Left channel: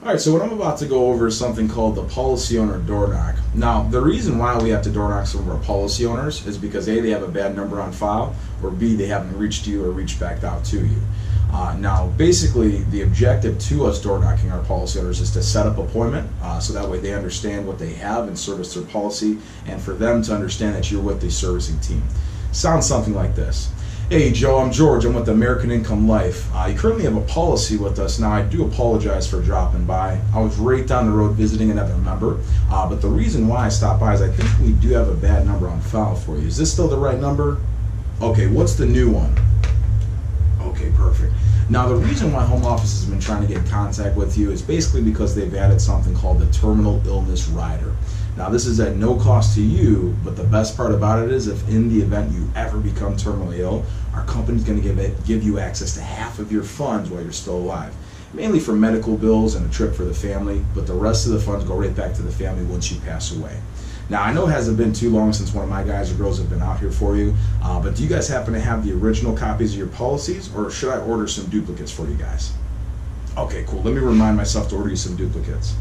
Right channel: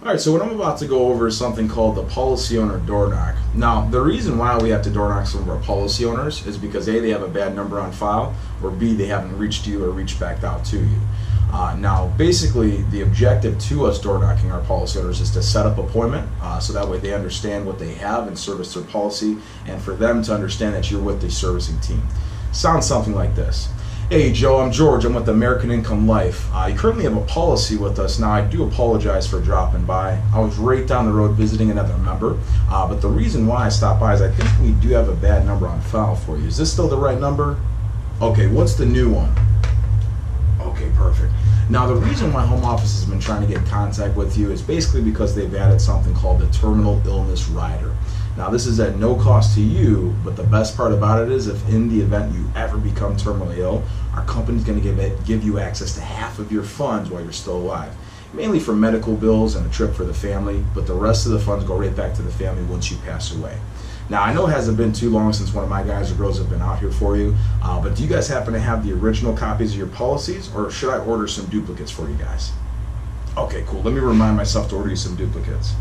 Alright, so what I'm about to go over is something called the policy owner door knock. Now, the reason why we have to door knock some of our policy owners is because A, they have a bad number on file, or B, they haven't reached you or reached back out to you. Now, basically, the objective to us door knocking our policy owners is to set up appointment, so that way they understand what they have and service their policy, and for them to understand that you're with the servicing team. Sounds something like this. Hey Joe, I'm George. I'm with American Income Life. You currently have a policy with us. Now I do apologize for dropping by. I was right down the road visiting another member, but the reason why I stopped by is I think we do have a bad number on file for you. Is this still the right number? Okay, what's the new one? Okay, perfect. Now the reason why home office has been trying to get in contact with you is basically because they've added something called the terminal illness rider. Now this is at no cost to you, but the best part about it is if in the event you ever become terminally ill, our company's going to give you access to half of your funds while you're still alive. Mainly for medical bills and a trip for the family, but the rest of the funds go right back to the family once you pass away. Now I know it hasn't been too long since one of my guys or girls have been out here for you, but do you guys happen to have the original copies of your policies, or should I order some duplicates for you guys? Okay, cool. Let me remind myself to order you some duplicates.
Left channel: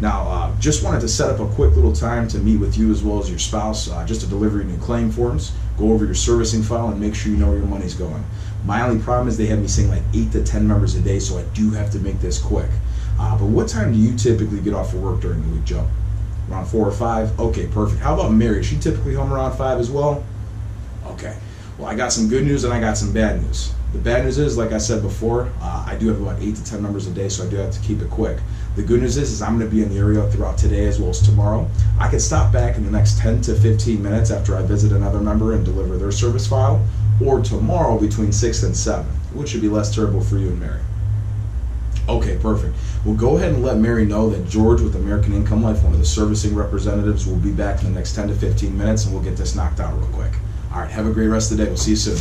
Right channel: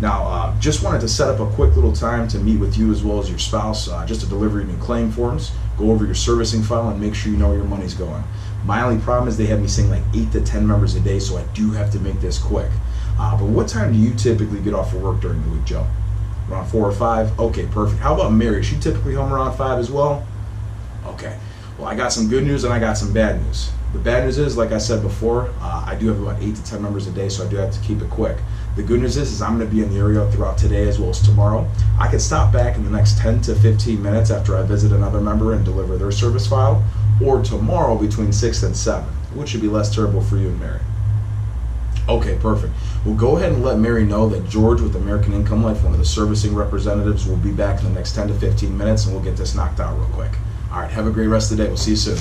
Now, just wanted to set up a quick little time to meet with you as well as your spouse, just to deliver your new claim forms, go over your servicing file, and make sure you know where your money's going. My only problem is they have me seeing like 8 to 10 members a day, so I do have to make this quick. But what time do you typically get off of work during the week, Joe? Around 4 or 5? Okay, perfect. How about Mary? Is she typically home around 5 as well? Okay. Well, I got some good news and I got some bad news. The bad news is, like I said before, I do have about 8 to 10 members a day, so I do have to keep it quick. The good news is I'm going to be in the area throughout today as well as tomorrow. I can stop back in the next 10 to 15 minutes after I visit another member and deliver their service file, or tomorrow between 6 and 7, which should be less terrible for you and Mary. Okay, perfect. Well, go ahead and let Mary know that George with American Income Life, one of the servicing representatives, will be back in the next 10 to 15 minutes, and we'll get this knocked out real quick. All right, have a great rest of the day. We'll see you soon.